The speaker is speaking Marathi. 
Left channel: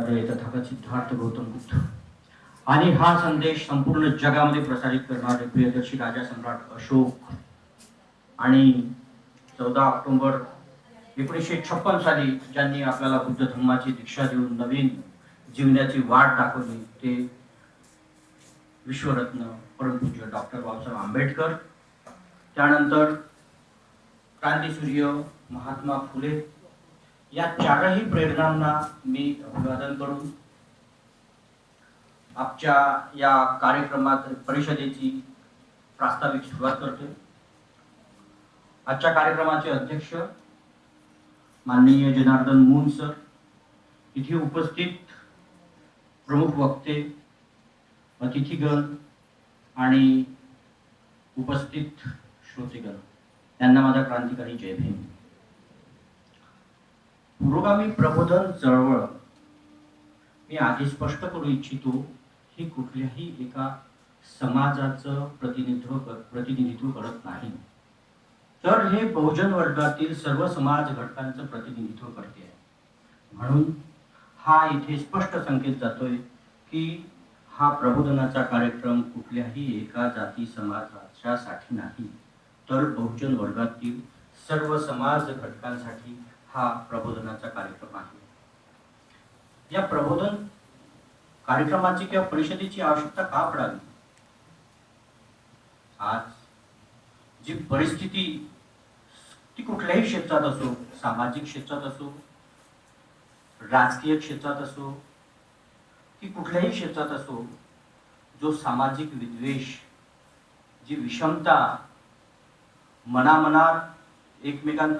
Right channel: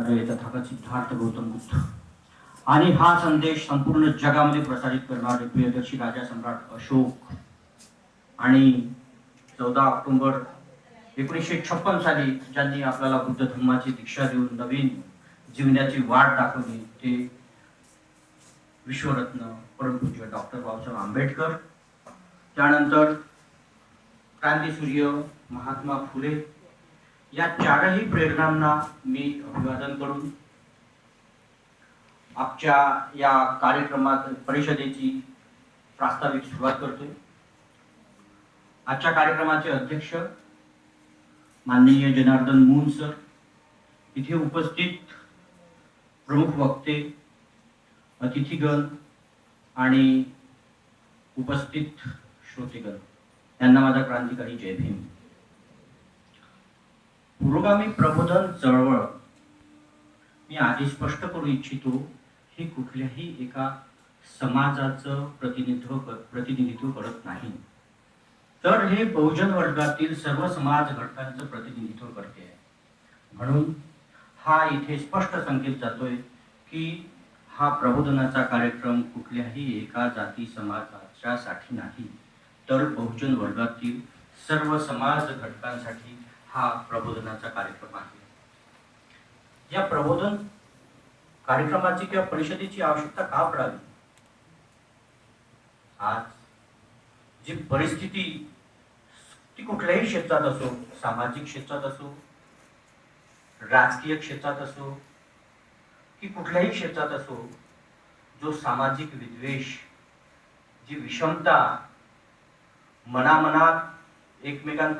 अरे तथागत सिद्धार्थ गौतम बुद्ध आणि हा संदेश संपूर्ण जगामध्ये प्रसारित करणारे प्रियदर्शी राजा सम्राट अशोक. आणि चौदा ऑक्टोबर एकोणीसशे छप्पन साली ज्यांनी आपल्याला बुद्ध धर्माची दीक्षा देऊन नवीन जीवनाची वाट दाखवली ते विश्वरत्न परमपूज्य डॉक्टर बाबासाहेब आंबेडकर. त्यानंतर क्रांतीसूर्य महात्मा फुले या चारही प्रेरणांना मी अभिवादन करून आपच्या या कार्यक्रमात परिषदेची प्रास्ताविक सुरुवात करतोय. आजच्या कार्यक्रमाचे अध्यक्ष माननीय जनार्दन मून सर इथे उपस्थित प्रमुख वक्ते अतिथीगण आणि उपस्थित श्रोतेगण यांना माझा क्रांतिकारी जय भीम. पुरोगामी प्रबोधन चळवळ. मी आधी स्पष्ट करू इच्छितो हे कुठल्याही एका समाजाचं प्रतिनिधित्व प्रतिनिधित्व करत नाही. तर हे बहुजन वर्गातील सर्व समाज घटकांचं प्रतिनिधित्व करते. आहे म्हणून हा इथे स्पष्ट संकेत जातोय की हा प्रबोधनाचा कार्यक्रम कुठल्याही एका जाती समाजाच्यासाठी नाही तर बहुजन वर्गातील सर्व समाज घटकांसाठी हा प्रबोधनाचा कार्यक्रम आहे. या प्रबोधन कार्यक्रमाची किंवा परिषदेची आवश्यकता का पडावी? आज जी परिस्थिती ती कुठल्याही क्षेत्रात असो सामाजिक क्षेत्रात असो राजकीय क्षेत्रात असो की कुठल्याही क्षेत्रात असो जो सामाजिक विद्वेष जी विषमता मनामनात एकमेकांकडे